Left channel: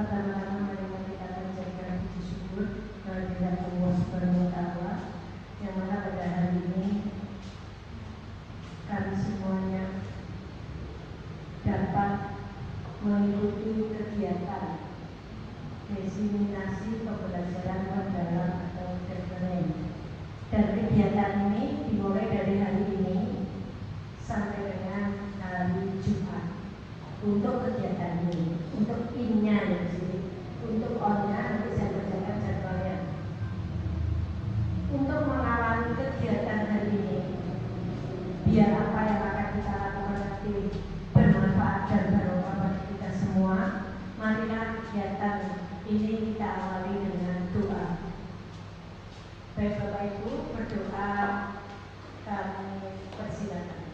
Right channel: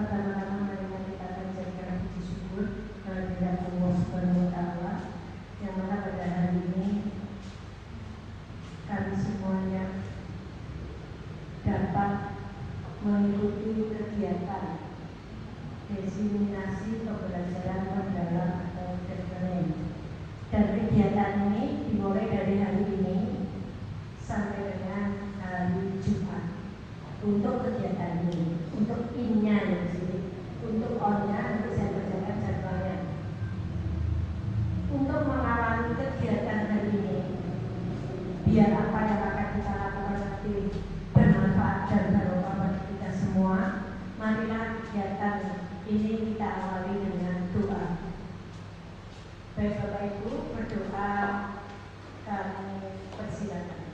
pertama-tama marilah kita menjadikan puji syukur kehadirat Allah Subhanahu wa Ta'ala yang mana pada hari ini kami semuanya dapat mengikuti kegiatan diseminasi pembelajaran mendalam atau training. Dan kegiatan ini dimulai dari hari ini sampai dengan hari Jumat. Untuk kegiatan ini, untuk innya di sini, untuk orangnya nanti saya kerjakan jadwalnya. Untuk mengawali kegiatan hari ini, biar apa yang akan kita lakukan nanti bermanfaat dan barokah bagi kita semua. Marilah kegiatan ini kita awali dengan doa. Baik Bapak Ibu, berdoa kami persilakan.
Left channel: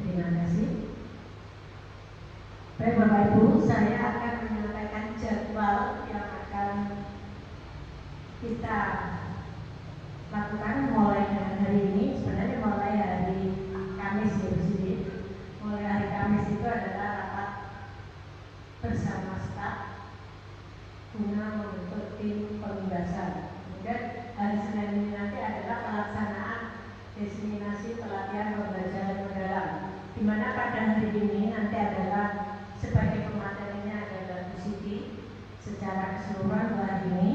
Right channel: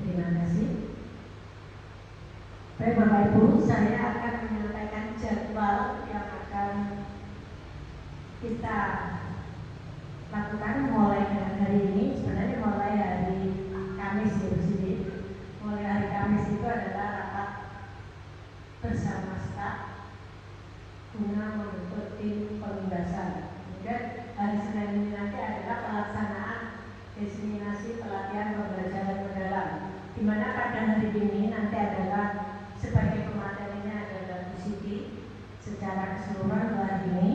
Terima kasih. Baik Bapak Ibu, saya akan menyampaikan jadwal yang akan kita lakukan mulai hari ini. Sebenarnya mulai hari Kamis di sini. Mulai hari Kamis itu adalah rapat bersama staf guna membentuk tim penugasan. Kemudian hari Senin ini nanti adalah pelaksanaan diseminasi pelatihan pembelajaran mendalam, di mana pada hari ini nanti adalah sebagai pematerinya adalah Bu Siti secara keseluruhan hari ini.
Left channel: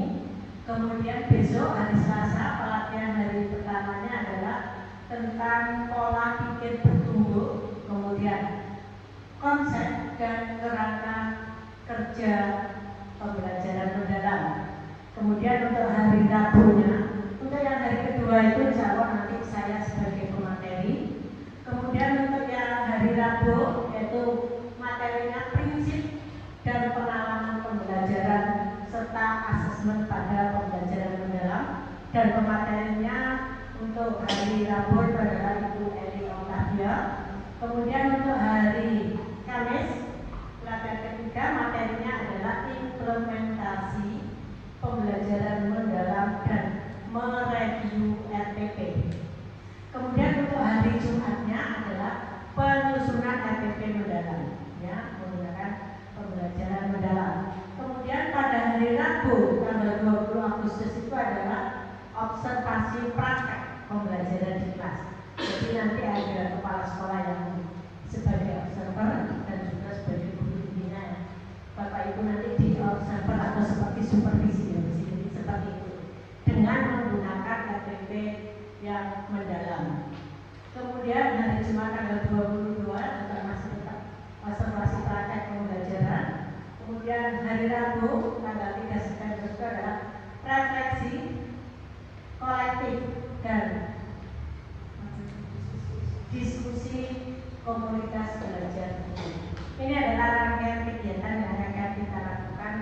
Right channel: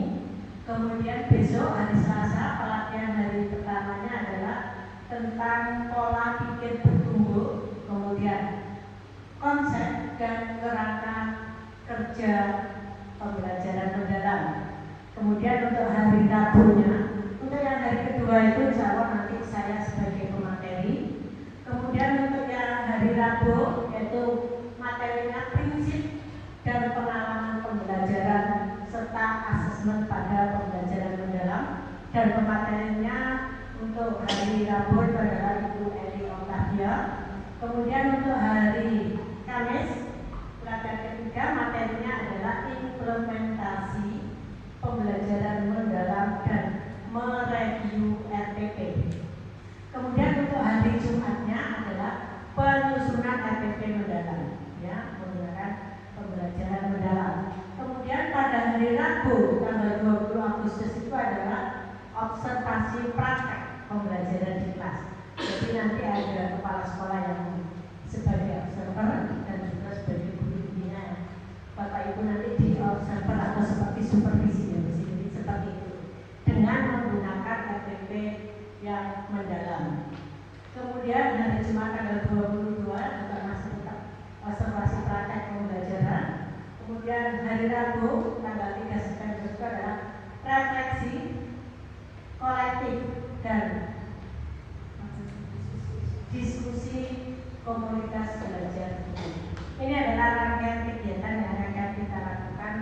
Kemudian besok hari Selasa pelatihan hari pertamanya adalah tentang pola pikir bertumbuh, kemudian konsep dan kerangka kerja pembelajaran mendalam. Kemudian untuk hari Rabunya, untuk yang hari kedua itu insya Allah nanti saya sebagai pemateri. Kemudian untuk yang hari Rabu yaitu materinya prinsip dan pengalaman pembelajaran serta asesmen pada pembelajaran mendalam, dan pematerinya untuk hari Rabu itu adalah Ibu Eli Oktavia. Kemudian untuk hari Kamis pelatihan ketiga materinya adalah implementasi pembelajaran mendalam dan mereview RPP. Kemudian untuk hari Jumatnya adalah penyusunan RPP mendalam, ya, menggunakan pembelajaran mendalam. Kemudian pada hari Rabu tanggal 20 Agustus itu adalah observasi praktek pembelajaran di kelas. Jadi nanti ada kepala sekolah yang sebagai observer dan juga sebagai guru pembina. Bapak Ibu nanti di observer atau seperti supervisi, jadi seperti itu dengan menggunakan RPP yang mendalam. Kemudian hari Jumat tanggal 22 juga masih observasi praktek pembelajaran. Kemudian hari Rabu tanggal 3 September itu adalah refleksi kolektif dan diskusi komunitas belajar. Ini adalah rangkaian kegiatan yang akan kita lakukan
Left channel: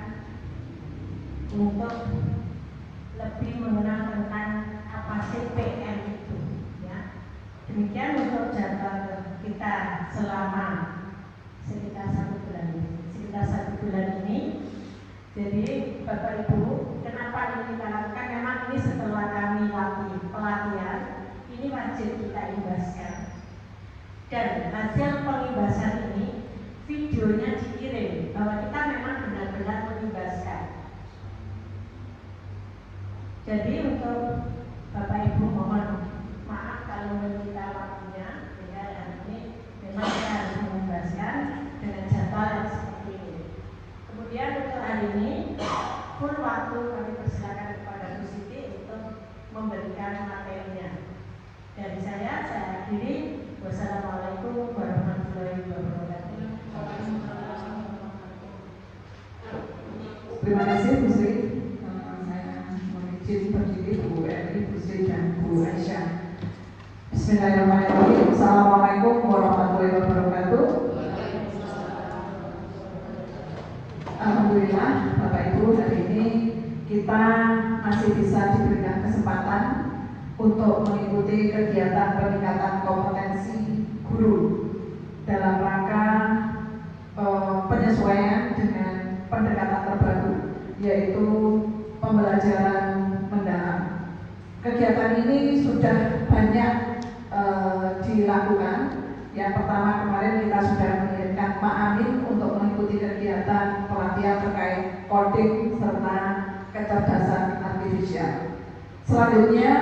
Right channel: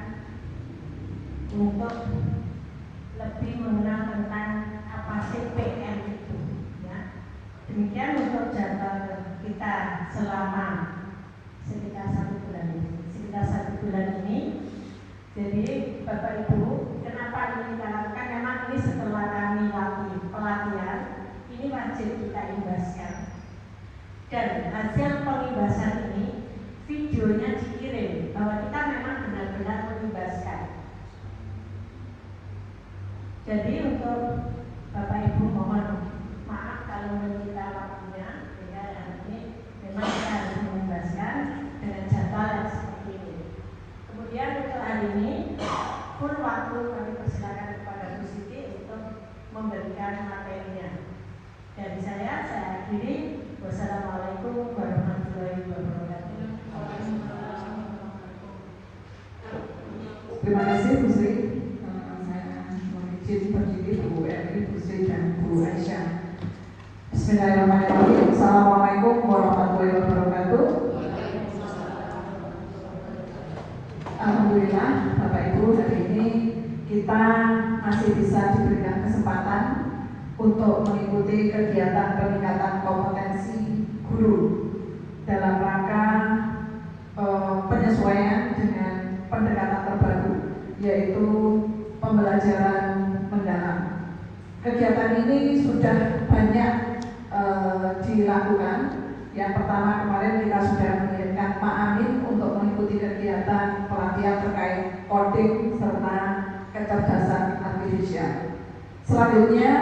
untuk lebih mengenal tentang apa sih PM itu, ya. Demikian untuk jadwal kita selama sekitar satu bulan ini. Jadi Bapak Ibu, kenapa ini kita lakukan? Memang ini setelah kami latih pelatihan, ini wajib kita imbaskan. Dan hasil pengibasan ini videonya dikirim bahwa kita memang benar-benar mengimbaskan. Jadi untuk Bapak Ibu mohon maaf kalau meminta waktunya, ya hari ini memang kita harus mengimbaskan dengan jadwal yang seperti ini. Kemudian untuk hari ini pun waktu kami persilakan kepada Bu Siti untuk memberikan materinya. Dari saya akhiri. Wassalamualaikum warahmatullahi wabarakatuh. Terima kasih Bu Sri. Saya izin berdiri Bu Eli, Bu Sri dan Bu Aisyah. Bismillahirrahmanirrahim. Assalamualaikum warahmatullahi wabarakatuh. Alhamdulillah Bapak Ibu, hari ini kita masih bisa diberikan kesempatan untuk mengikuti kegiatan peningkatan kompetensi guru dalam rangka penyesuaian dengan pendekatan terbaru, yaitu pembelajaran mendalam. Kegiatan ini sudah banyak dilakukan. Yang pertama kemarin kita sudah mengirimkan Pak Amin untuk mengikuti kegiatan pelatihan terkait coding serta kecerdasan artifisial. Selanjutnya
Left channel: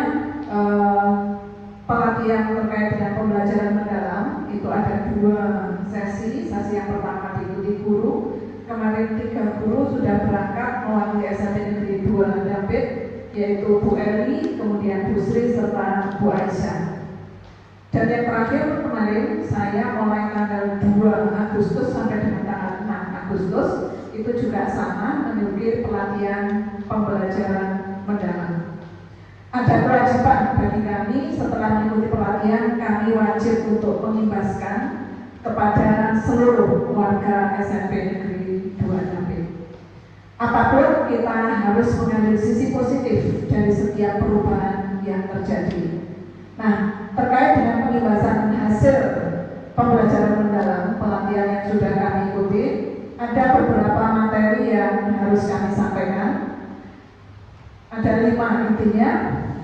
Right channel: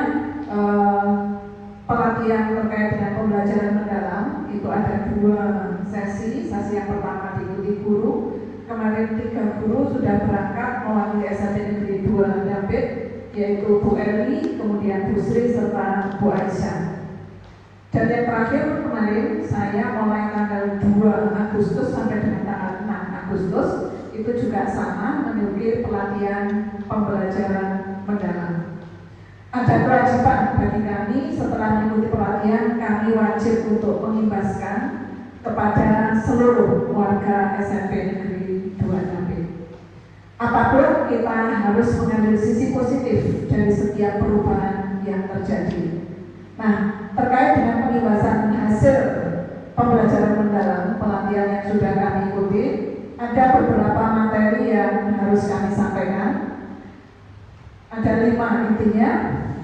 pelatihan terkait dengan pembelajaran mendalam itu ada 2 sesi. Sesi yang pertama diikuti guru. Kemarin 3 guru sudah berangkat mewakili SMP Negeri 2 Dampit, yaitu Bu Eli, kemudian Bu Sri serta Bu Aisyah. Dan yang terakhir kemarin saya mulai tanggal 2 Agustus sampai dengan tanggal 6 Agustus itu juga sama mengikuti pelatihan pembelajaran mendalam. Ada kewajiban bagi kami setelah mengikuti pelatihan, kami wajib untuk mengimbaskan kepada seluruh warga SMP Negeri 2 Dampit. Apapun kita harus mengambil sisi positif dari setiap perubahan yang terjadi. Nah, terkait dengan pengimbasan hasil pembelajaran mendalam pelatihan yang sudah kami ikuti, ada beberapa materi yang harus kami sampaikan. Ada 5 intinya,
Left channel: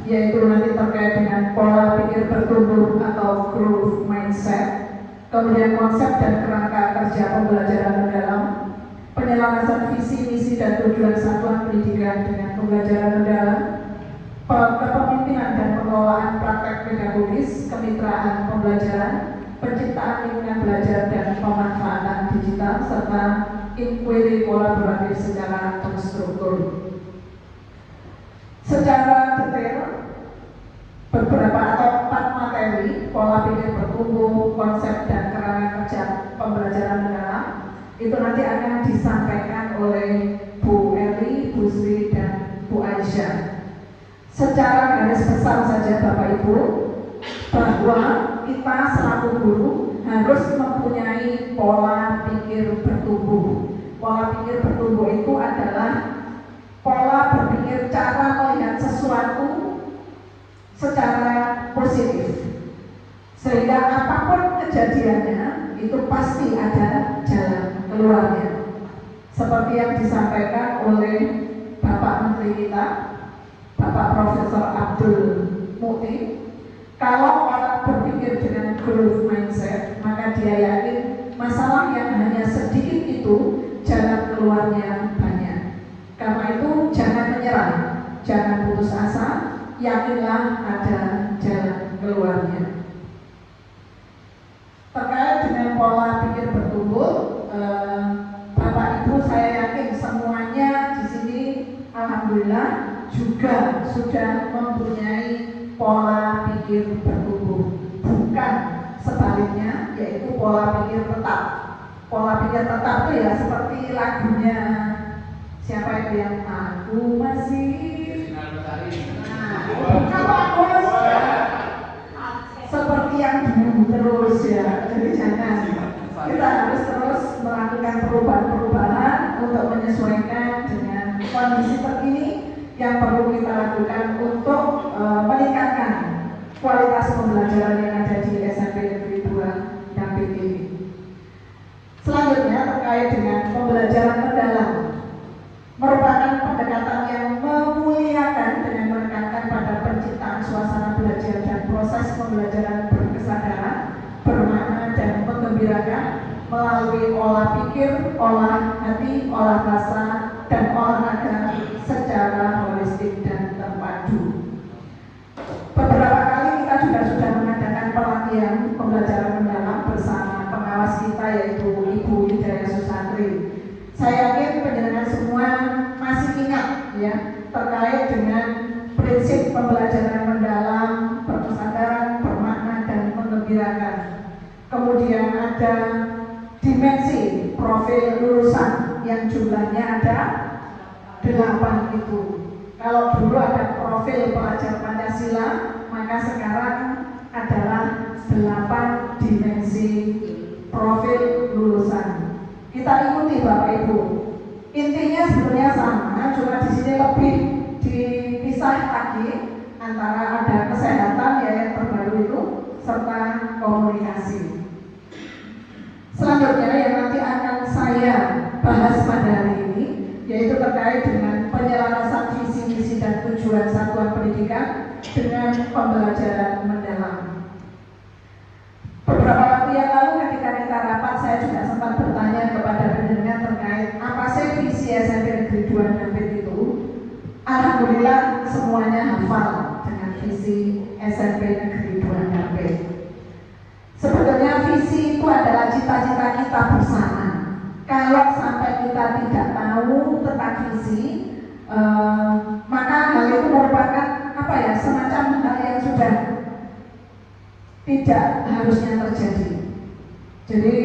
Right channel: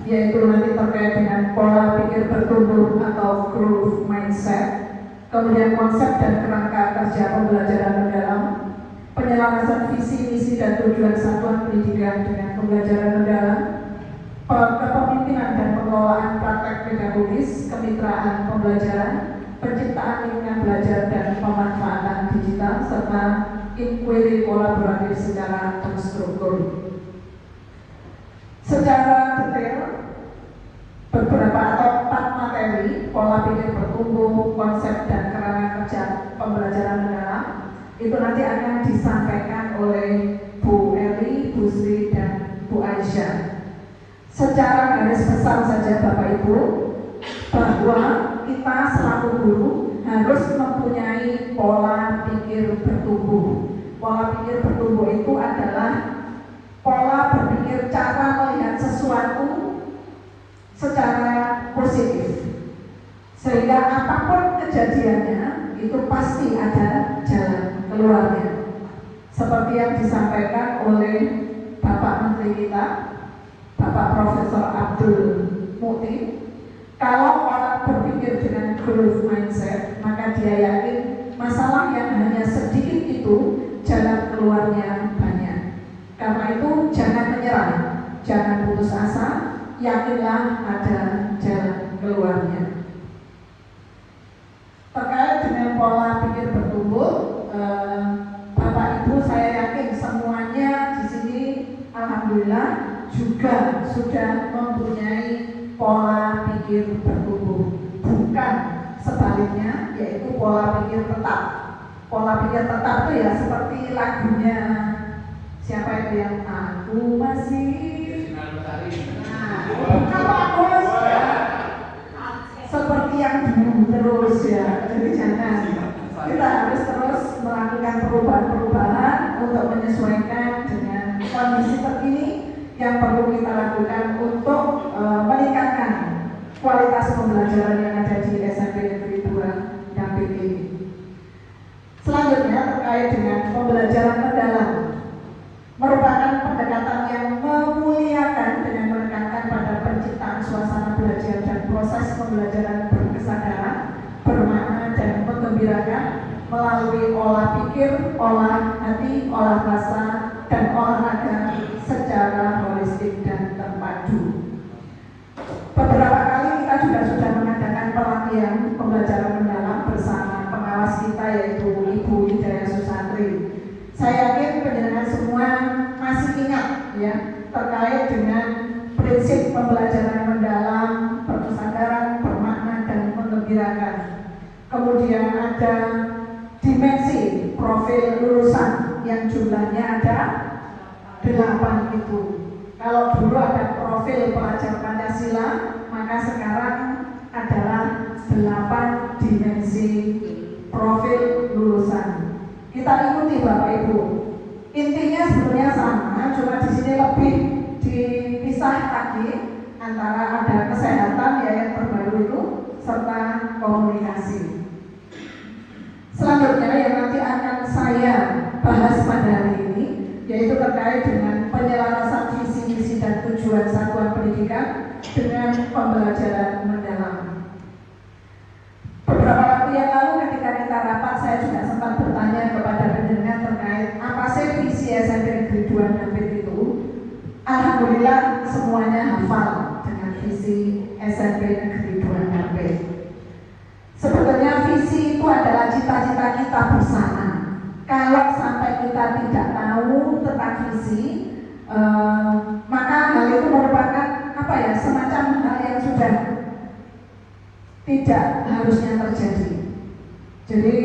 yaitu nanti terkait dengan pola pikir bertumbuh atau growth mindset, kemudian konsep dan kerangka kerja pembelajaran mendalam, penyelarasan visi, misi, dan tujuan satuan pendidikan dengan pembelajaran mendalam, kepemimpinan dan pengelolaan praktek pedagogis, kemitraan pembelajaran, penciptaan lingkungan belajar dan pemanfaatan digital, serta inquiry kolaboratif secara terstruktur. Secara detail, beberapa atau 4 materi, pola pikir bertumbuh, konsep dan kerangka kerja pembelajaran mendalam, itu nanti akan disampaikan oleh Bu Eli, Bu Sri, dan Bu Aisyah. Secara garis besar saja Bapak Ibu, bahwa kita selaku guru harus mempunyai pola pikir bertumbuh. Pola pikir bertumbuh itu adalah pola berpikir cara melihat sesuatu secara positif, sehingga apapun kejadiannya itu pasti ada jalan keluarnya. Seperti yang disampaikan oleh Bapak Menteri kita, Bapak Profesor Abdul Mukti, kalau orang berpikir dengan growth mindset, maka dia yakin masalah yang hanya sedikit itu jalan keluarnya banyak. Karena itu jangan menyerah, jangan putus asa, yakinlah ada jalan keluarnya. Terkait dengan pola pikir bertumbuh, Bapak Ibu saya yakin semuanya di sini alhamdulillah juga sudah mempunyai pola pikir bertumbuh, bukan sebaliknya, yaitu pola pikir tetap. Pola pikir tetap itu ya seperti lagunya siapa itu yang aku masih, bukan Pak Bos, seperti yang dulu terus ya. Jadi jangan, kita harus terus melakukan perubahan-perubahan untuk menyesuaikan dengan kondisi terkini yang perlu kita lakukan untuk meningkatkan kualitas pembelajaran yang ada di SMP Negeri 2 Dampit ini. Selanjutnya terkait dengan pembelajaran mendalam, merupakan pendekatan yang memuliakan dengan menekankan pada penciptaan suasana belajar dan proses pembelajaran berkesadaran, bermakna dan menggembirakan melalui olah pikir, olah hati, olah rasa, dan olahraga secara holistik dan terpadu. Beberapa kali kita juga sudah mengadakan pelatihan pembelajaran mendalam bersama pengawas kita yaitu Ibu Widya Susatri. Saya yakin pendengar semua masih ingat ya terkait dengan prinsip pembelajaran mendalam, berkesadaran, bermakna dan menggembirakan. Kemudian ada dimensi profil lulusan yang jumlahnya ada 8 itu. Kalau dulu ada profil pelajar Pancasila, maka sekarang adalah 8 dimensi profil lulusan. Kita ikuti Bapak Ibu. Intinya sebenarnya sama, cuma di sini lebih dipisah lagi antara ada kesehatan ya yang terbaru itu serta komunikasi. Selanjutnya yang nanti akan saya bahas pada hari ini yaitu terkait dengan penyelarasan visi misi dan tujuan satuan pendidikan dengan pembelajaran mendalam. Beberapa waktu yang lalu ketika kita rapat, saya juga sempat bertanya kepada pendengar terkait apa sih visi SMP Negeri 2 Nampit itu. Alhamdulillah semuanya hafal dengan visi SMP Negeri 2 Nampit. Sebetulnya visi itu adalah cita-cita kita bersama. Kalau sampai kita tidak tahu tentang visi, maka hal itu merupakan semacam hal yang sudah tidak harusnya terjadi. Jadi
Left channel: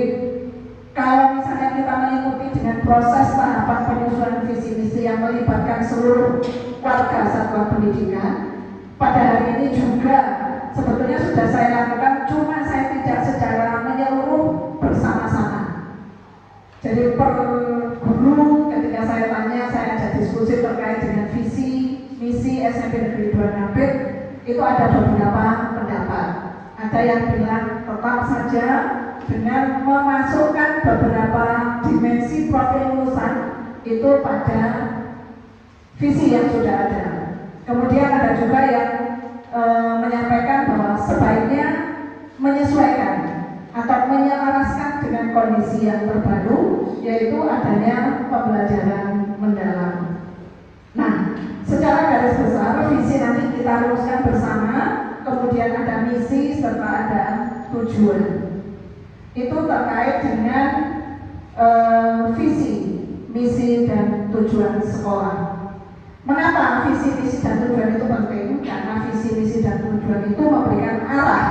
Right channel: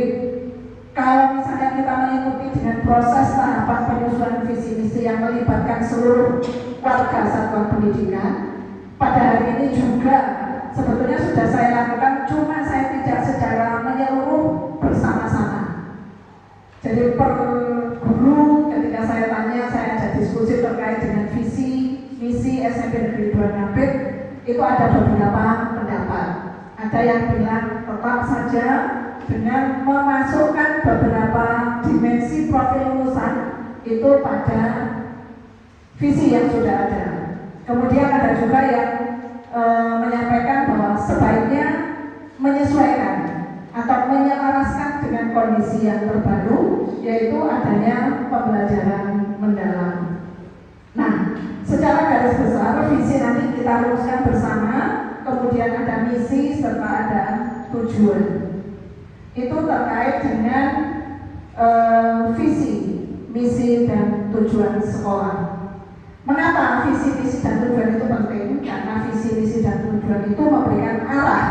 kalau misalnya kita mengikuti dengan proses tahapan penyusunan visi misi yang melibatkan seluruh warga satuan pendidikan, pada hari ini juga sebetulnya sudah saya lakukan, cuma saya tidak secara menyeluruh bersama-sama. Jadi per guru ketika saya tanya, saya ajak diskusi terkait dengan visi misi SMP Negeri 2 Nampit, itu ada beberapa pendapat. Ada yang bilang tetap saja dengan memasukkan beberapa dimensi profil lulusan itu pada visi yang sudah ada. Kemudian ada juga yang menyampaikan bahwa sebaiknya menyesuaikan atau menyelaraskan dengan kondisi yang terbaru, yaitu adanya pembelajaran mendalam. Nah, secara garis besar visi nanti kita rumuskan bersama, kemudian ada misi serta ada tujuan. Itu terkait dengan visi, misi dan tujuan sekolah. Mengapa visi, misi dan tujuan itu penting? Karena visi, misi dan tujuan itu memberikan arah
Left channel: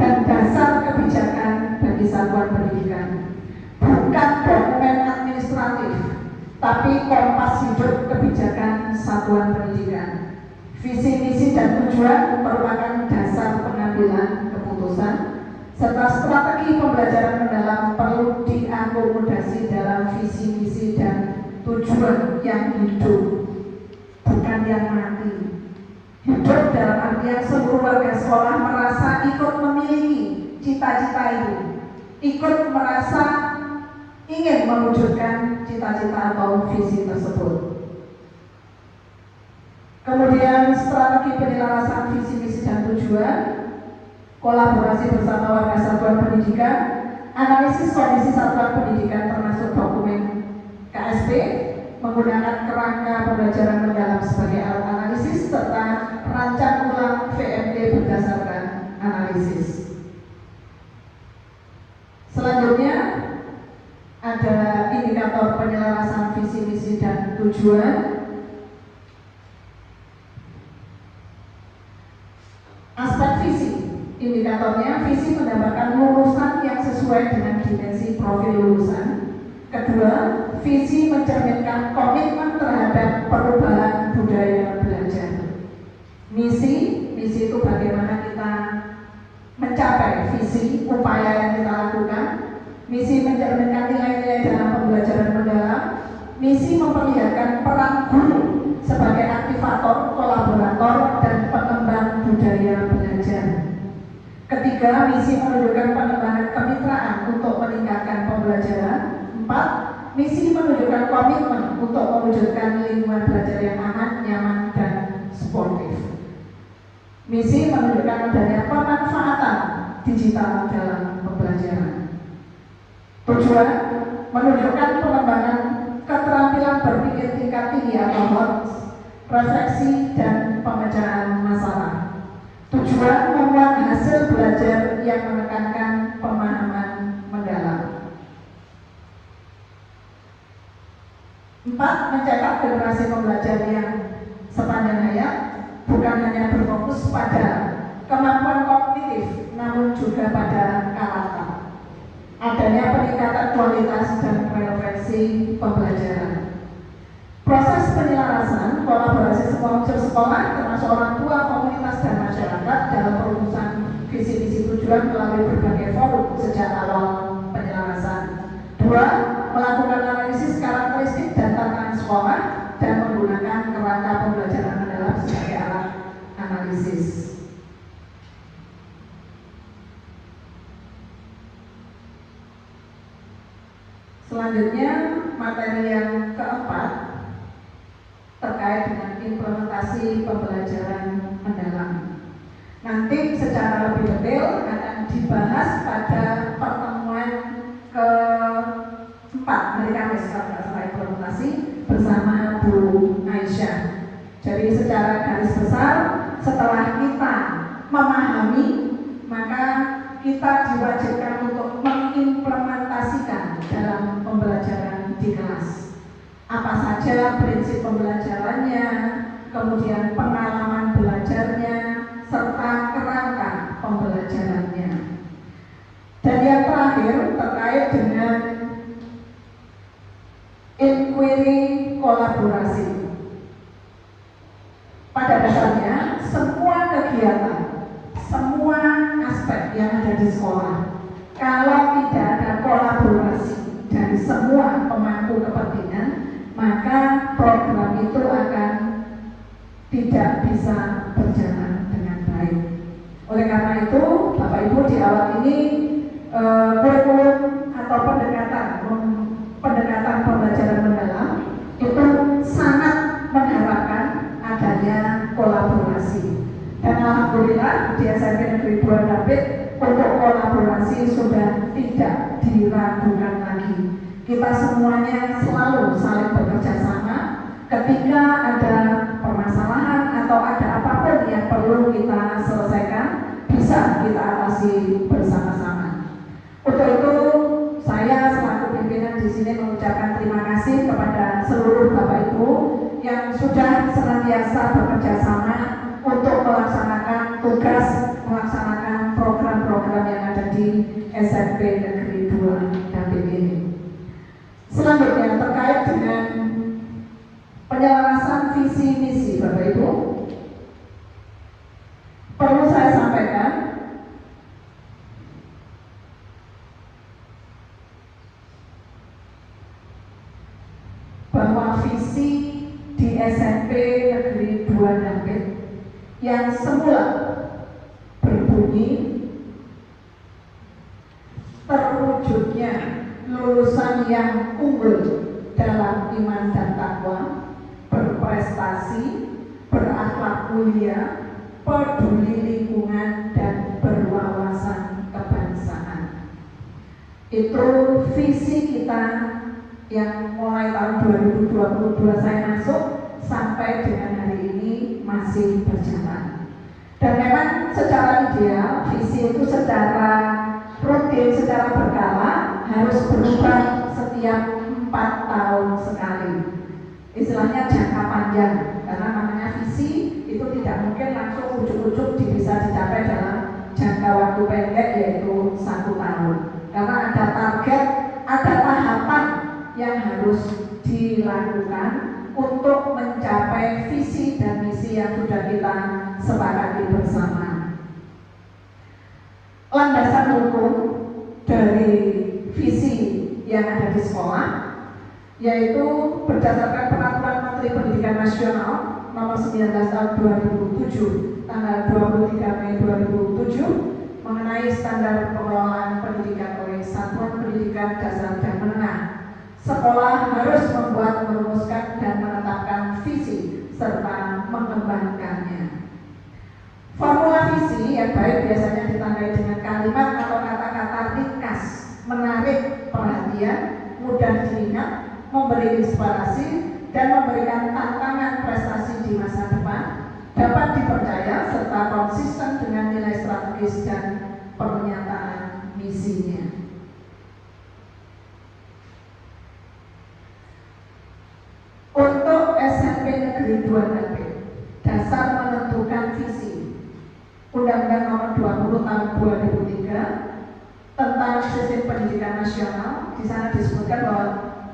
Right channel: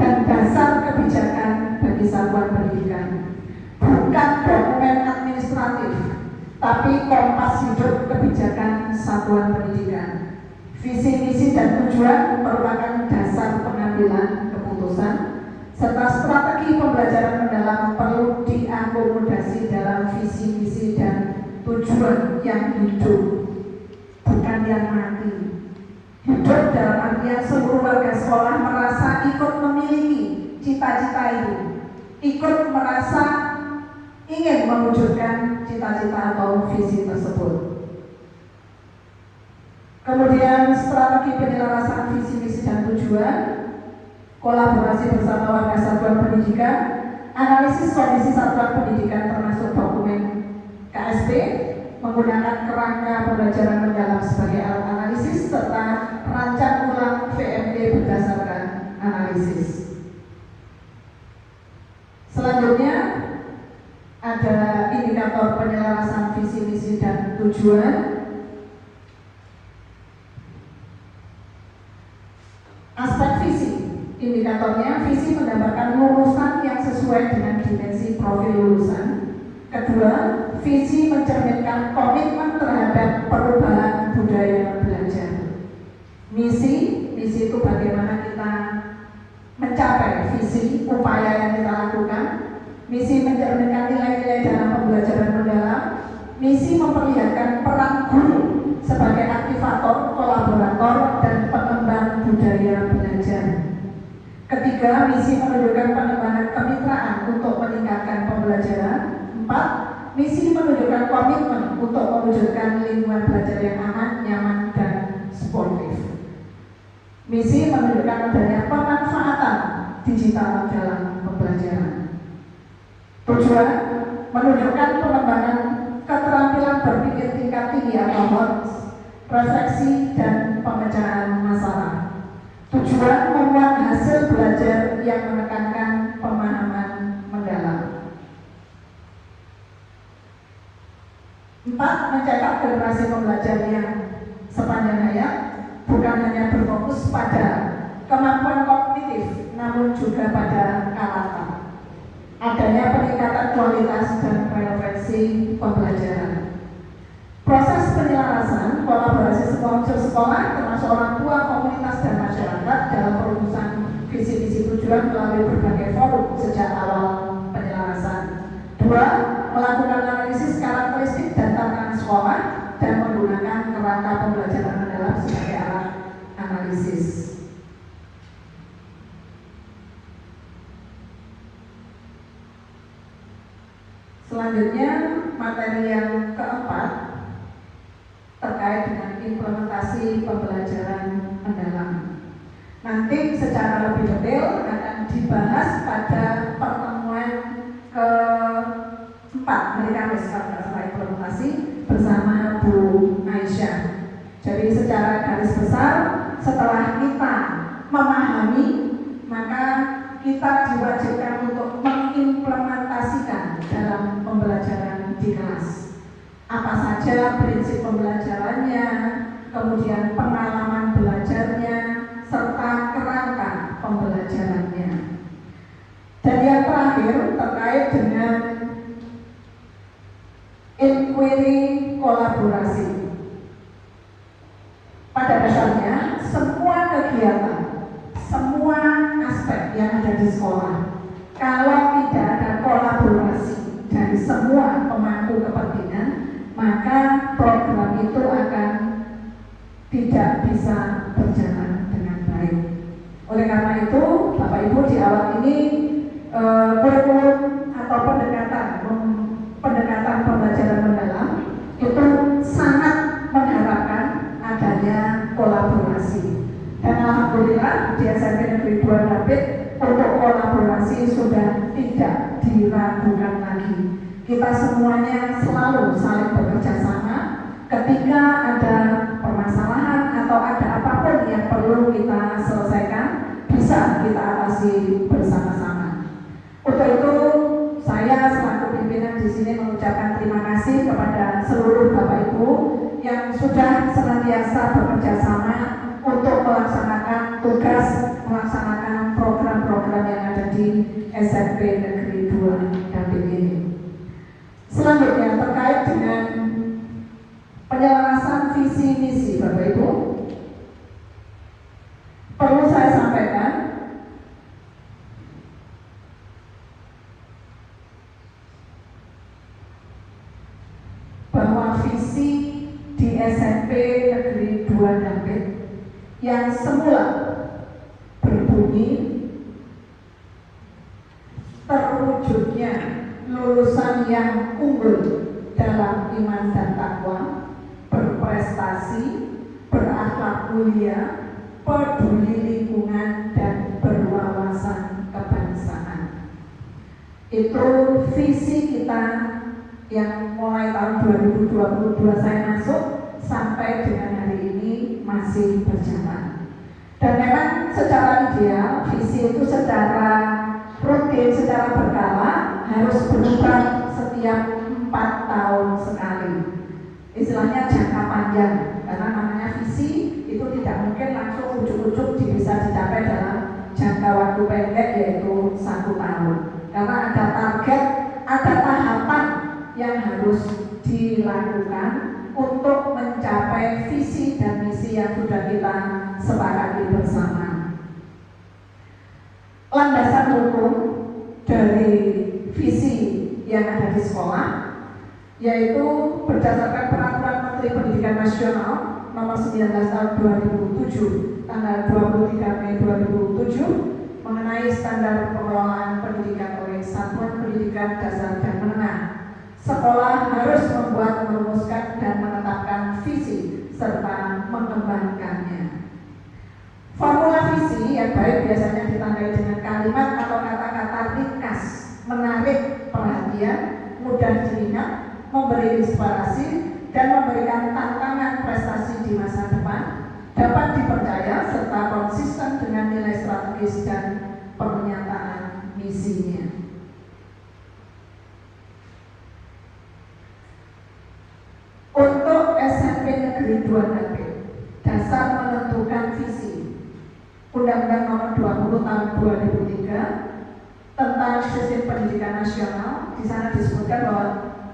dan dasar kebijakan bagi satuan pendidikan. Bukan dokumen administratif, tapi kompas hidup kebijakan satuan pendidikan. Visi, misi dan tujuan merupakan dasar pengambilan keputusan serta strategi pembelajaran mendalam perlu diakomodasi dalam visi, misi dan tujuan yang hidup, bukan yang mati. Hidup dalam artian seluruh warga sekolah merasa ikut memiliki cita-cita itu, ikut merasa ingin mewujudkan cita-cita atau visi tersebut. Kemudian strategi penyelarasan visi, misi dan tujuan, kolaborasi bersama warga satuan pendidikan, analisis kondisi satuan pendidikan termasuk dokumen KSP, menggunakan kerangka pembelajaran mendalam sebagai alat analisis, serta rancang ulang VMD berdasarkan analisis. Selanjutnya ada indikator penyelarasan visi, misi dan tujuan. Aspek visi, indikatornya visi menggambarkan lulusan yang sesuai dengan dimensi profil lulusan. Kedua, visi mencerminkan komitmen terhadap perubahan budaya belajar. Misi itu bagaimana kita mencapai visi, upaya yang kita lakukan. Misi mencerminkan nilai-nilai dalam pembelajaran mendalam. Misi memperlihatkan peran guru sebagai aktivator, kolaborator, dan pengembang budaya belajar. Ketiga, misi menunjukkan pengembangan kemitraan untuk meningkatkan pembelajaran. 4. Misi menunjukkan komitmen untuk mewujudkan lingkungan belajar yang aman, nyaman, dan sportif. Misi menunjukkan adanya pemanfaatan digital dalam pembelajaran. Tujuan menunjukkan pengembangan keterampilan berpikir tingkat tinggi atau HOTS, refleksi, dan pemecahan masalah. Tujuan membuat hasil belajar yang menekankan pemahaman mendalam. 4. Mencetak generasi pembelajar yang sepanjang hayat, bukan hanya berfokus pada kemampuan kognitif, namun juga pada karakter. Adanya peningkatan kualitas dan refleksi pembelajaran. Proses penyelarasan kolaborasi semua unsur sekolah termasuk orang tua, komunitas, dan masyarakat dalam perumusan visi-misi tujuan melalui berbagai forum sejak awal penyelarasan. 2. Melakukan analisis karakteristik dan tantangan sekolah dan menggunakan kerangka pembelajaran mendalam sebagai alat analisis. Selanjutnya, materi yang keempat terkait dengan implementasi pembelajaran mendalam. Nanti secara lebih detail akan dibahas pada pertemuan keempat hari Kamis kalau nggak salah informasi bersama Bu Aisyah. Jadi secara garis besar setelah kita memahami, maka kita diwajibkan untuk mengimplementasikan dalam pembelajaran di kelas. Apa saja prinsip pembelajarannya, kemudian pengalaman belajarnya, serta kerangka pembelajarannya. Dan yang terakhir terkait dengan inquiry kolaborasi. Pada dasarnya semua kegiatan, semua aspek yang ada di sekolah, kalau tidak ada kolaborasi dari semua pemangku kepentingan, maka program itu akan tidak bisa berjalan dengan baik. Oleh karena itu, Bapak Ibu di awal ini kurikulum atau pendekatan pembelajaran mendalam itu sangat mengharapkan adanya kolaborasi. Dan alhamdulillah di SMP Negeri 2 Rapid untuk kolaborasi sudah tidak diragukan lagi. Kita semuanya selalu saling bekerja sama. Ketika ada permasalahan atau ada apapun yang perlu kita selesaikan, bisa kita atasi bersama-sama. Untuk itu, saya selaku pimpinan di sini mengucapkan terima kasih kepada seluruh Bapak Ibu yang sudah senantiasa bekerja sama untuk melaksanakan tugas, melaksanakan program-program yang ada di SMP Negeri 2 Rapid ini. Selanjutnya terkait dengan penyelarasan visi misi Bapak Ibu, perlu saya sampaikan bahwa visi di SMP Negeri 2 Rapid yang semula berbunyi terwujudnya lulusan yang unggul dalam iman dan takwa, berprestasi, berakhlak mulia, peduli lingkungan, dan berwawasan kebangsaan. Itu visi kita yang mulai tahun 2022 saya masuk sampai dengan hari ini masih berjalan. Dan memang secara ideal visi itu secara rutin, secara berkala harus berubah setiap 4 tahun sekali. Istilahnya jangka panjang, karena namanya visi itu tidak mungkin langsung ujuk-ujuk bisa dicapai dalam jangka waktu pendek yaitu 1 tahun. Karena ada target, ada tahapan yang harus dilakukan untuk mencapai visi dan misi yang sudah kita sepakati bersama. Landasan hukum dari visi yang ada di sekolah yaitu berdasarkan Peraturan Menteri Pendidikan Nasional Nomor 19 Tahun 2007 tanggal 23 Mei 2007 mengenai standar pengelolaan pendidikan oleh Satuan Pendidikan Dasar dan Menengah. Sekolah harus membuat, merumuskan, dan menetapkan visi serta mengembangkannya. Formula visi yang baik biasanya ditandai dengan kalimat atau kata-kata ringkas, menarik perhatian, mudah diingat, memberi inspirasi, dan memberikan tantangan prestasi di masa depan, dapat dipercaya serta konsisten dengan nilai strategis dan pernyataan misinya. Untuk SMP Negeri 2 Rapid, dasar menentukan visi Undang-Undang Nomor 20 Tahun 2003 tentang Sistem Pendidikan Nasional. Di sana disebutkan bahwa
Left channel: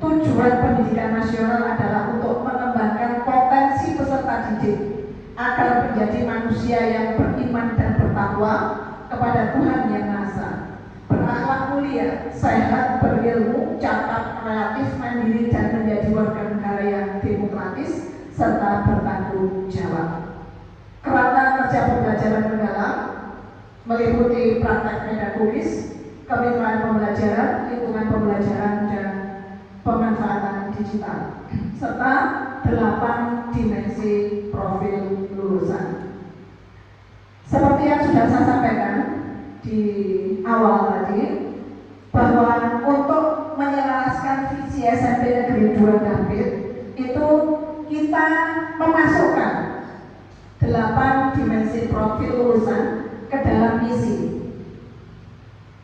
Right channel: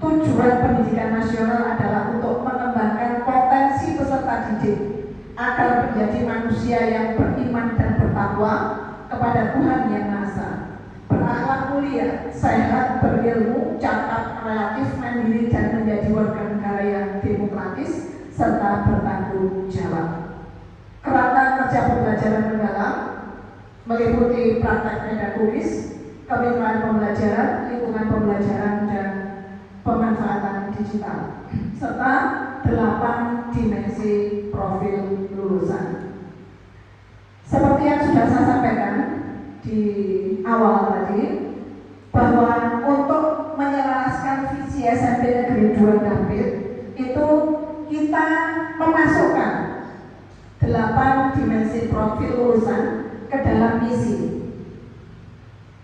tujuan pendidikan nasional adalah untuk mengembangkan potensi peserta didik agar menjadi manusia yang beriman dan bertakwa kepada Tuhan Yang Maha Esa, berakhlak mulia, sehat, berilmu, catat, relatif, mandiri, dan menjadi warga negara yang demokratis serta bertanggung jawab. Kerangka kerja pembelajaran mendalam meliputi praktek pedagogus, kemitraan pembelajaran, lingkungan pembelajaran, dan pemanfaatan digital, serta 8 dimensi profil lulusan. Seperti yang sudah saya sampaikan di awal tadi bahwa untuk menyelaraskan visi SMP Negeri 2 Dampit itu kita memasukkan 8 dimensi profil lulusan ke dalam misi.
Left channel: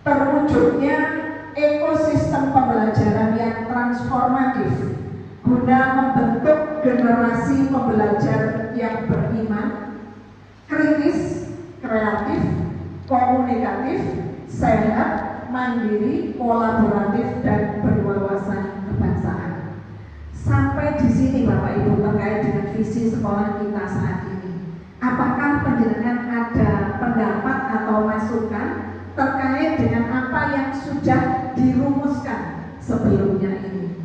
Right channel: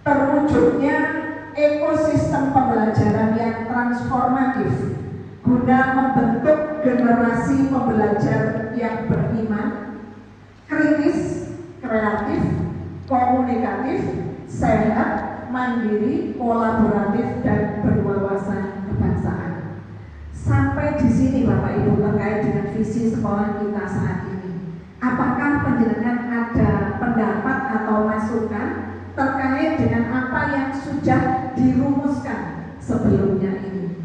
Terwujudnya ekosistem pembelajaran yang transformatif guna membentuk generasi pembelajar yang beriman, kritis, kreatif, komunikatif, sehat, mandiri, kolaboratif, dan berwawasan kebangsaan. Sampai di sini Bapak Ibu terkait dengan visi sekolah kita saat ini. Apakah penjelasan ada pendapat atau masukan terkait dengan apa yang sudah dirumuskan sebelumnya ini,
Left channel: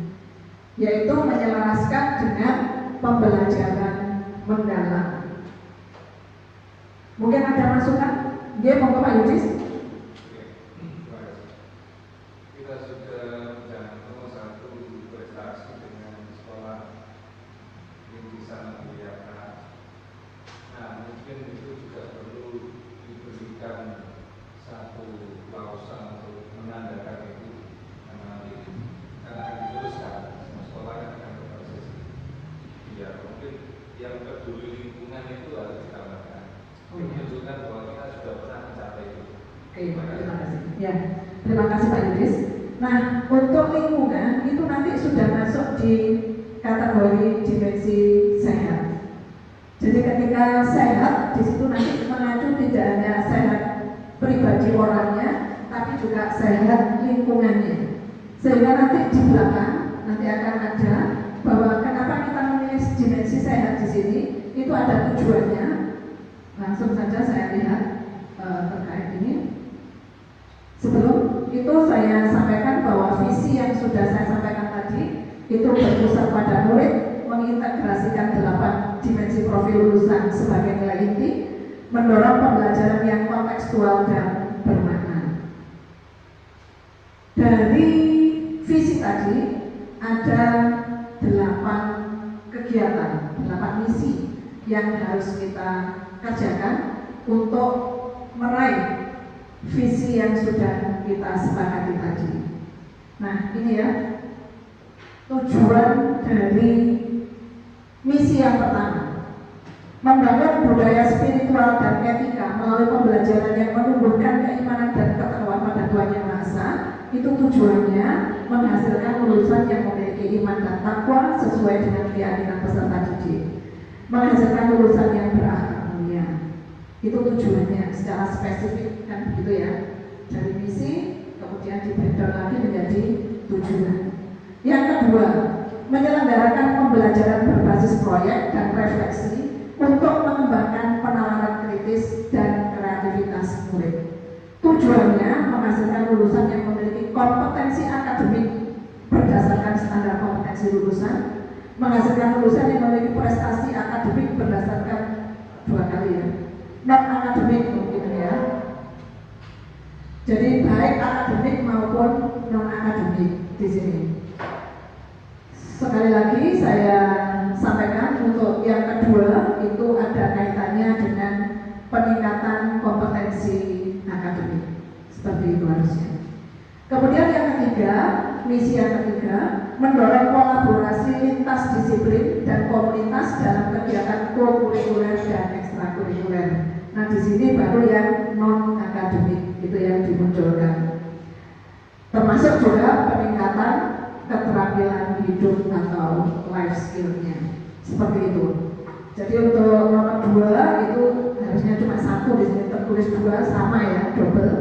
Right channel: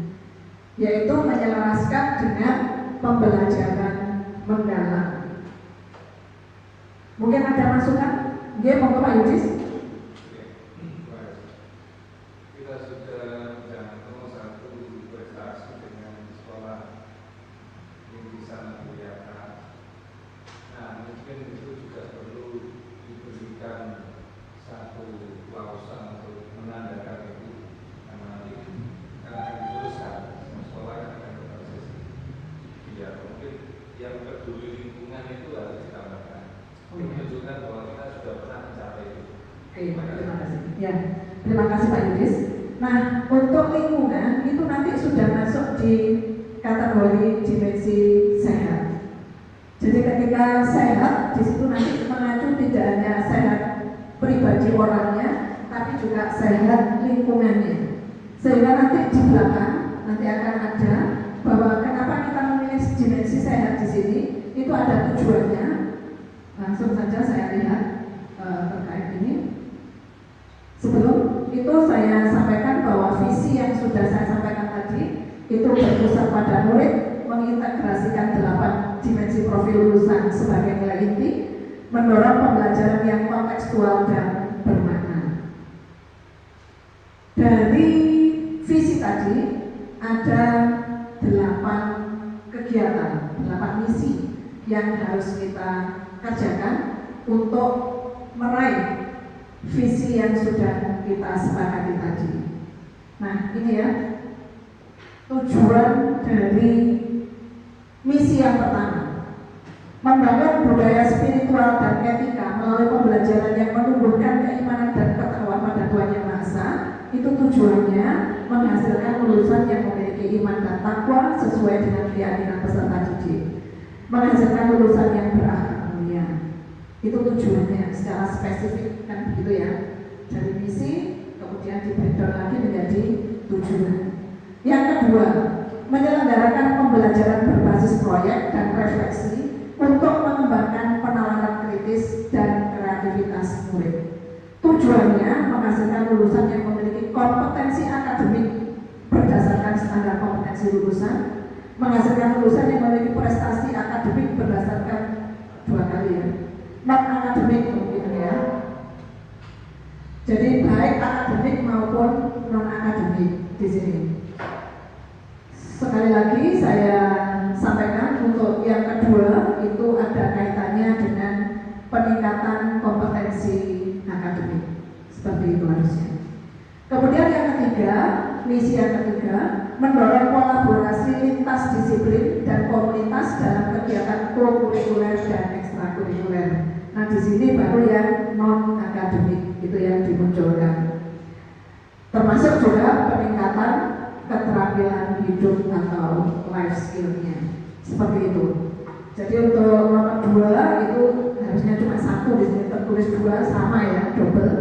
yaitu menyelaraskan dengan pembelajaran mendalam? Mungkin ada masukan? Dia mau Pak Yudis? Kita sudah menjadi nomor 1 berprestasi dengan sekolah rintisan kegiatan. Nah, mungkin itu juga perlu diberikan satu wawasan untuk menandakan itu karena akan diteruskan sekolah akan berprestasi. Ya, mungkin yang peduli lingkungan itu harus dikatakan. Menunjukkan bahwa kita sudah pernah mencapai itu. Oke, terima kasih. Ya, terima kasih Pak Yudis. Nah, untuk lingkungan itu nanti sudah masuk di kategori dimensi sehat. Jadi ketika sehat, di situ nanti mengacu tidak hanya sehat pribadi orangnya, tapi juga sehat lingkungannya. Sehingga nanti di belakang nanti akan ada bahwa kenapa kita memilih dimensi sehat di sini, itu ada tujuannya. Langsung saja saya lihat terkait ini. Sebelum itu saya sampaikan bahwa visi yang sudah saya sampaikan tadi itu berpusat pada murid, mengintegrasikan 8 dimensi profil lulusan sebagai nilai inti, mendorong pembelajaran yang kontekstual dan bermakna. Dari visi tadi ada 8 kegiatan, 8 misi yang harus kita kerjakan untuk meraih visi yang sudah kita sepakati tadi. Nah, ini ya tujuan dari misi yang pertama, membangun budaya spiritual dan etika melalui pembelajaran yang menumbuhkan keimanan dan ketakwaan pada Tuhan Yang Maha Esa. Itu tujuannya menghasilkan lulusan yang memiliki iman dan takwa sesuai dengan keyakinan peserta didik, menghasilkan lulusan yang berakhlak mulia. Itu tujuannya secara spesifik kan begitu ya. Dari misi kemudian dibreakdown lagi menjadi tujuan. Yang kedua, menyelenggarakan pembelajaran berbasis proyek dan refleksi untuk mengembangkan penalaran kritis dan kreativitas murid. Tujuannya menghasilkan lulusan yang memiliki kompetensi akademik berdasarkan standar kompetensi lulusan, menghasilkan lulusan yang memiliki prestasi akademik berdasarkan 2 kali ya, non akademik mungkin ya. Jadi baik akademik maupun non akademik di sini. Sekali lagi saya sampaikan untuk yang kedua itu ada kaitannya dengan peningkatan kompetensi akademik, seperti itu harusnya. Kemudian yang ketiga, misi yang ketiga, mendorong kolaborasi lintas disiplin dan komunitas dalam kegiatan kurikuler dan ekstrakurikuler. Nah di sini baru yang non akademik itu yang dimunculkan, termasuk juga peningkatan keterampilan hidup atau life skill-nya, seperti itu. Jadi untuk nomor 2 itu harusnya cuma 1, di sini tertulis 2 sama ya, double.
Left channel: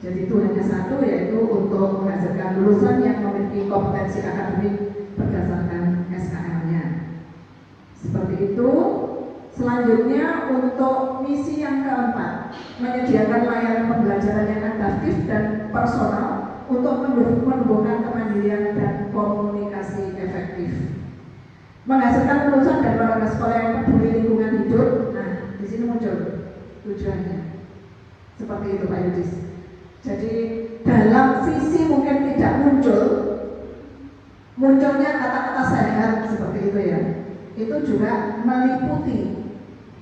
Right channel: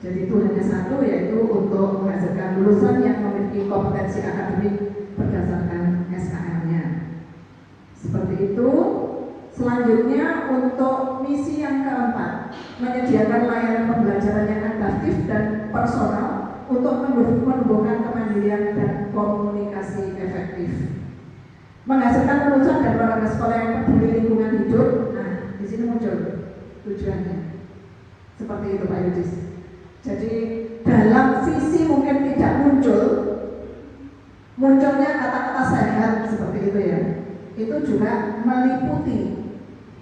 Jadi itu hanya 1, yaitu untuk menghasilkan lulusan yang memiliki kompetensi akademik berdasarkan SKL-nya. Seperti itu. Selanjutnya untuk misi yang keempat, menyediakan layanan pembelajaran yang adaptif dan personal untuk menumbuhkan kemandirian dan komunikasi efektif. Menghasilkan lulusan dari warga sekolah yang peduli lingkungan hidup. Nah, di sini muncul tujuannya. Seperti itu Pak Yudis. Jadi dalam visi mungkin tidak munculnya kata-kata sehat seperti itu ya. Itu juga meliputi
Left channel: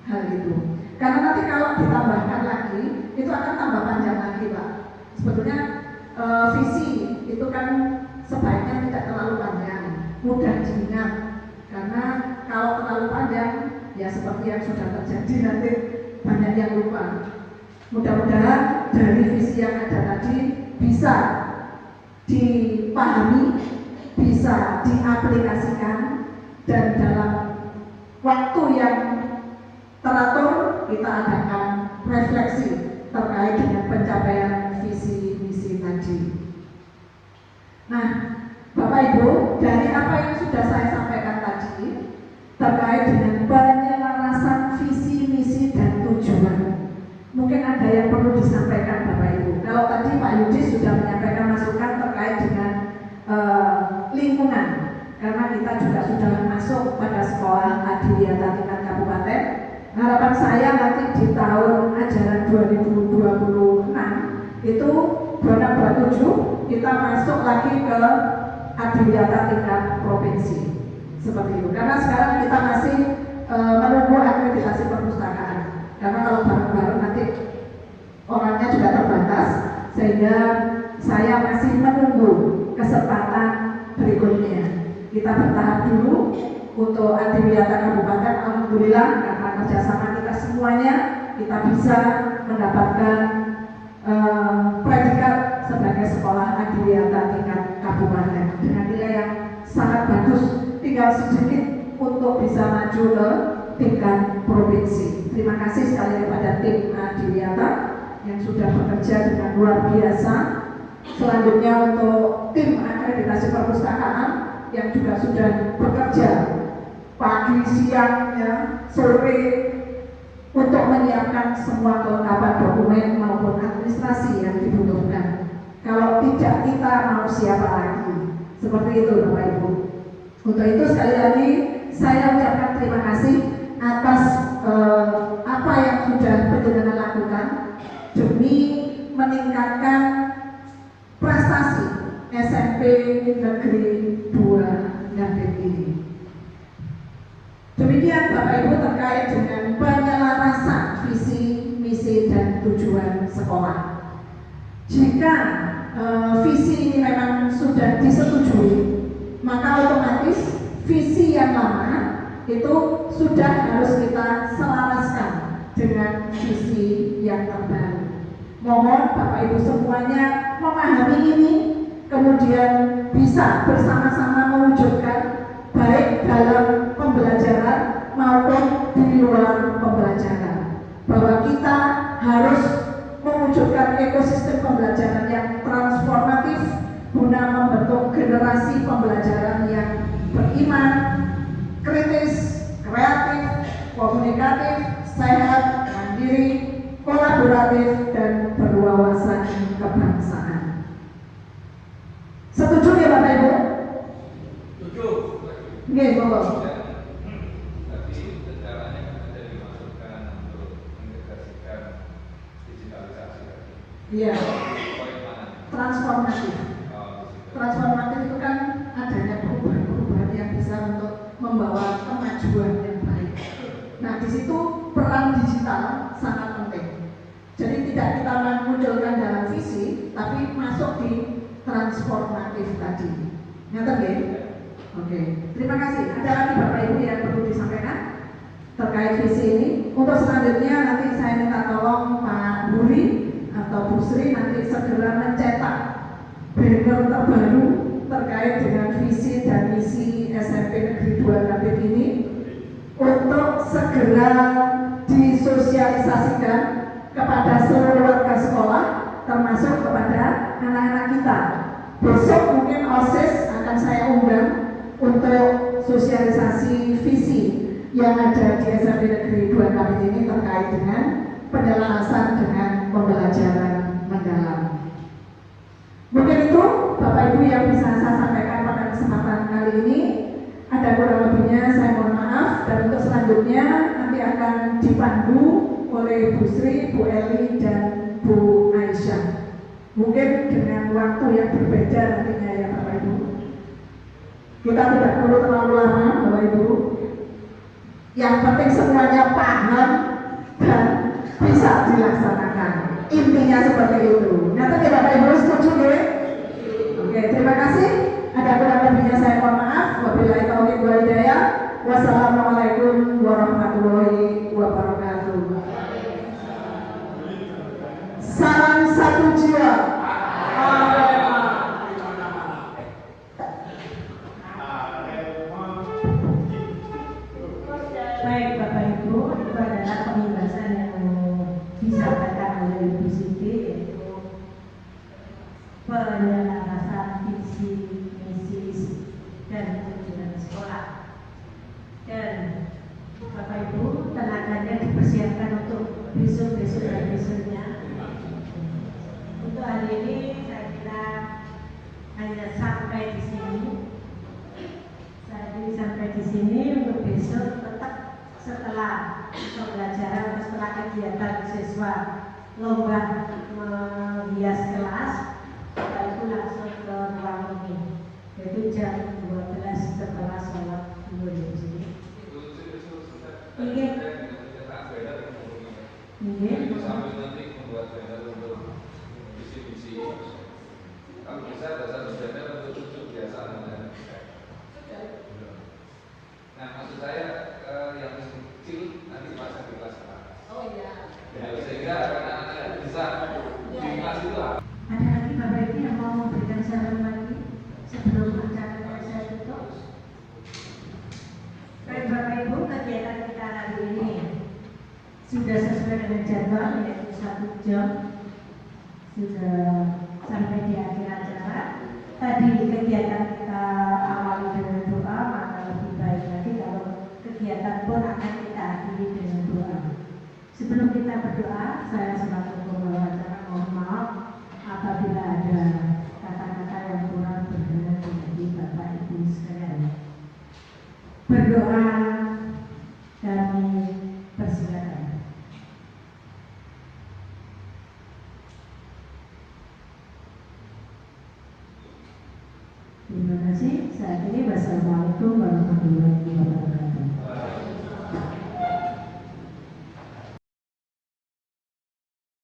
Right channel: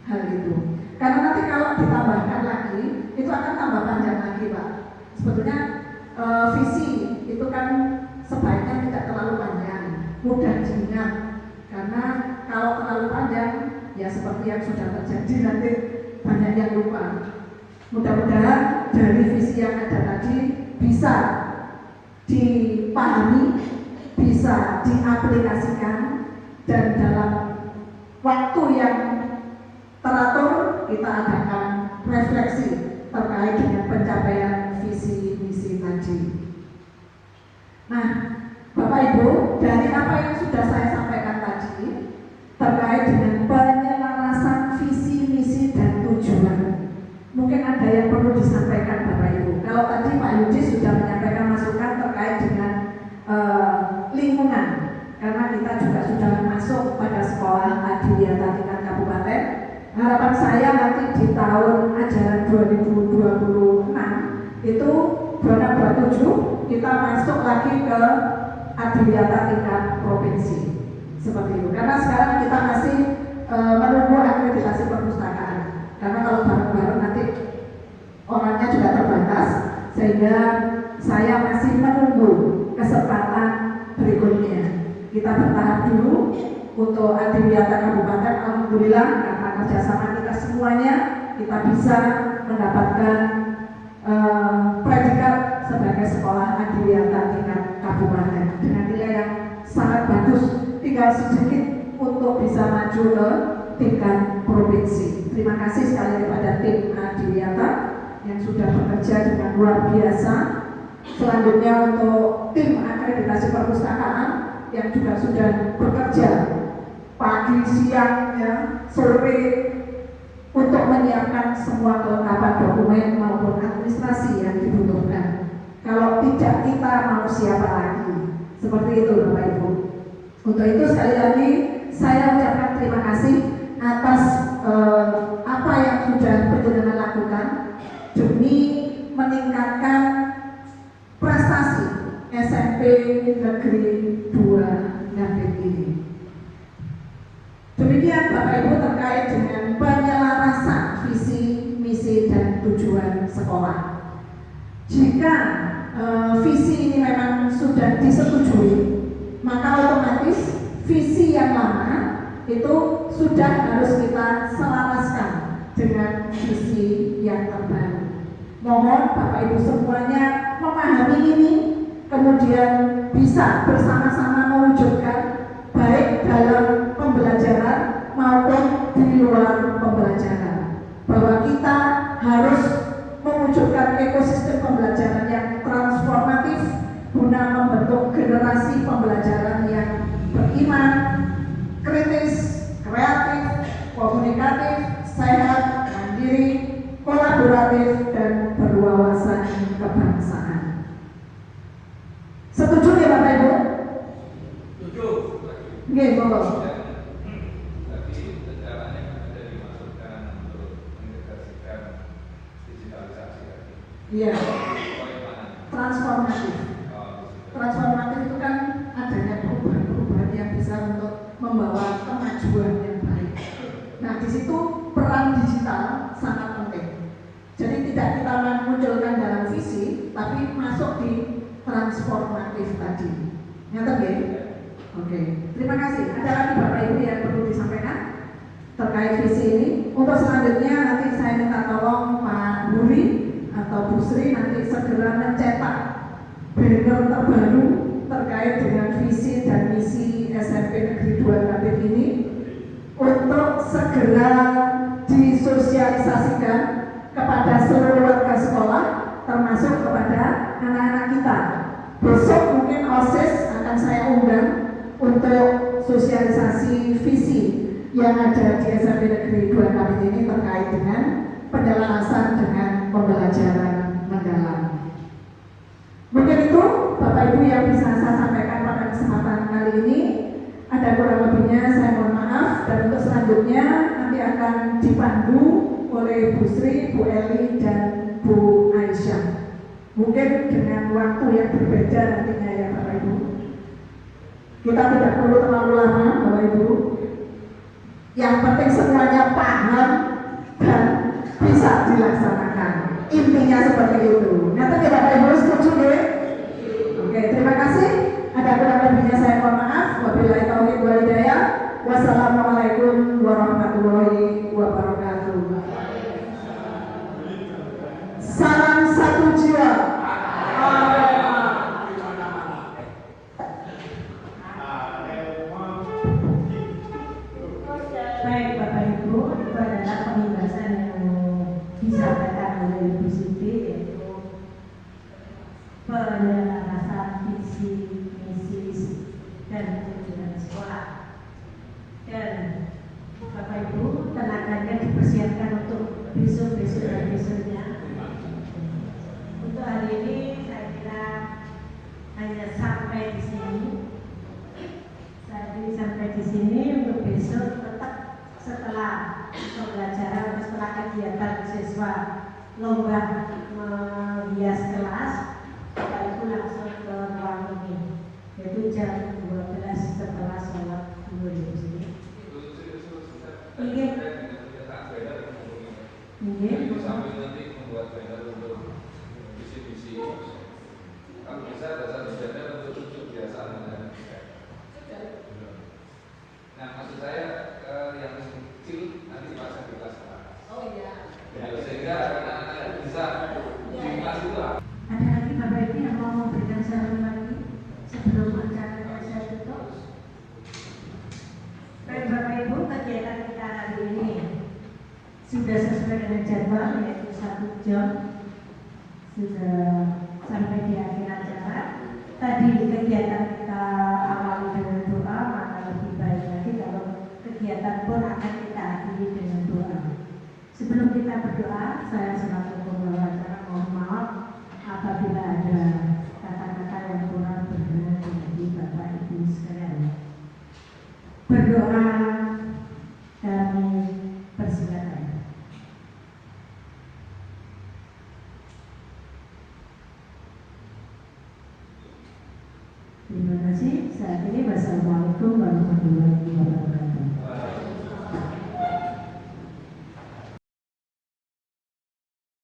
hal itu. Karena nanti kalau ditambahkan lagi lagi, itu akan tambah panjang lagi Pak. Sebetulnya visi itu kan sebaiknya tidak terlalu panjang, mudah diingat. Karena kalau terlalu panjang, ya seperti yang sudah terjadi nanti banyak yang lupa. Mudah-mudahan dari visi yang ada tadi bisa dipahami, bisa diaplikasikan, dan dalam waktu yang teratur kita adakan refleksi terkait dengan pencapaian visi misi tadi. Nah, Bapak Ibu, dari apa yang sudah saya sampaikan tadi terkait dengan penyelarasan visi misi dan tujuan, mungkin ada yang perlu disampaikan Bapak Ibu. Kalau tadi Pak Yudi sudah menyampaikan masukan terkait dengan lingkungan, karena kita juga sudah masuk pada sekolah adiwiyata tingkat kabupaten. Harapan saya nanti di tahun ajaran 2026 itu 2027 kita masuk lagi ke adiwiyata tingkat provinsi seperti itu. Karena sekarang kita masih menunggu akreditasi perpustakaan. Karena kalau bareng-bareng nanti orangnya juga terbatas, sehingga saya masih menunggu kesempatan berikutnya. Kita bertahap dulu untuk adiwiyata kabupaten. Alhamdulillah karena kerjasama kita semuanya, kita bisa mendapatkan predikat sebagai sekolah adiwiyata tingkat kabupaten dengan nilai yang sangat bagus. Tinggal sedikit untuk bisa maju ke tingkat provinsi. Terima kasih sekali kepada tim adiwiyata yang sudah bekerja dengan luar biasa. Selanjutnya untuk tim akreditasi perpustakaan yang juga sudah bekerja pagi, siang, ya, sore untuk menyiapkan semua kelengkapan dokumen maupun administrasi yang dibutuhkan. Kalau tidak, kita mau siapa lagi? Seperti itu Bapak Ibu. Untuk itu sekali lagi saya ucapkan terima kasih atas apa yang sudah penjenengan lakukan demi meningkatkan prestasi SMP Negeri 2 Ngabit ini. Demikian Bapak Ibu terkait dengan penyelarasan visi, misi, dan tujuan sekolah. Jika visi ini memang sudah disetujui, maka otomatis visi yang lama itu sudah harus kita selaraskan dengan visi yang terbaru. Mohon Bapak Ibu semuanya memahami ini, kemudian bisa bersama-sama mewujudkan baik dalam pembelajaran maupun di luar pembelajaran, bahwa kita harus mewujudkan ekosistem pembelajaran yang transformatif guna membentuk generasi pembelajaran yang beriman, kritis, kreatif, komunikatif, sehat, mandiri, kolaboratif, dan berwawasan kebangsaan. Setuju ya Bapak Ibu? Setuju. Nggih, monggo. Tapi caranya sudah dimasukkan untuk mengintegrasikan digitalisasi. Iya. Transformatif. Transformatif itu kan adanya perubahan-perubahan yang bisa untuk membawa kemajuan yang baik. Nah, di situ peran digital sangat penting. Jadi tidak kita munculkan dalam visi, tapi masuk di transformatif tadi. Nyata nggih? Oke. Terima kasih. Ada lagi Bapak Ibu yang perlu disampaikan terkait visi ini? Untuk selanjutnya nanti saya minta tolong Pak Buri atau Bu Sri nanti segera mencetak banner terbaru terkait dengan visi dan misi SMP Negeri 2 Ngabit ini untuk segera disosialisasikan kepada seluruh warga sekolah, termasuk kepada anak-anak kita. Besok mungkin OSIS akan saya undang untuk sosialisasi visi yang ada di SMP Negeri 2 Ngabit ini terkait dengan penyelarasan dengan pembelajaran mendalam. Mungkin itu Bapak Ibu yang bisa saya sampaikan pada kesempatan kali ini. Ada kurang lebihnya saya mohon maaf, dan untuk selanjutnya nanti akan dipandu oleh Bu Sri, Bu Eli, dan Bu Aisyah. Mungkin dengan waktu yang berbeda nantinya ya Bapak Ibu. Kita tidak perlu terlalu lama Bapak Ibu. Yang penting semuanya paham dan bisa dilaksanakan. Intinya seperti itu. Nah, tapi Bapak Ibu setuju ya? Oke, terima kasih. Ada kurang lebihnya saya mohon maaf. Wabillahi taufiq wal hidayah. Wassalamualaikum warahmatullahi wabarakatuh. Salam satu jiwa. Baik Bapak Ibu, itu adalah pembahasan yang disampaikan oleh Ibu Siti, yaitu penjelasan visi, misi, dan tujuan sekolah. Dan Bapak Ibu, tenaganya dipersiapkan untuk besok-besok dan besoknya. Untuk hari ini saya kira hanya sampai di sini. Sampai di sini. Untuk besok tetap setelah pembelajaran, setelah kegiatan siswa lomba menghias kelas, itu langsung ke ruang ini, yaitu jam 12 setelah sholat zuhur. Ini sambil nanti membuat banner untuk visi-visi. Kalau bisa ada satu banner untuk cucu biasa kan. Nah, maksud saya yang kecil nanti dipasang di kelas mana? Oh iya. Sehingga anak-anaknya bisa di kelas itu. Ada lagi Bapak Ibu yang mau memberikan saran lagi sebelum acara saya tutup? Baik Bapak Ibu, kegiatan kita hari ini sudah sesuai dengan jadwal, yaitu 1 jam sudah sampai di akhir acara. Tadi kegiatan kita awali dengan doa, maka lebih baik lagi kalau kegiatan pun akan kita akhiri dengan doa. Sebelum kita berdoa, saya selaku pembawa acara mohon maaf apabila ada kata-kata yang kurang berkenan dari Bapak Ibu sekalian. Berdoa kami persilakan. Terima kasih. Saat ini wassalamualaikum warahmatullahi wabarakatuh.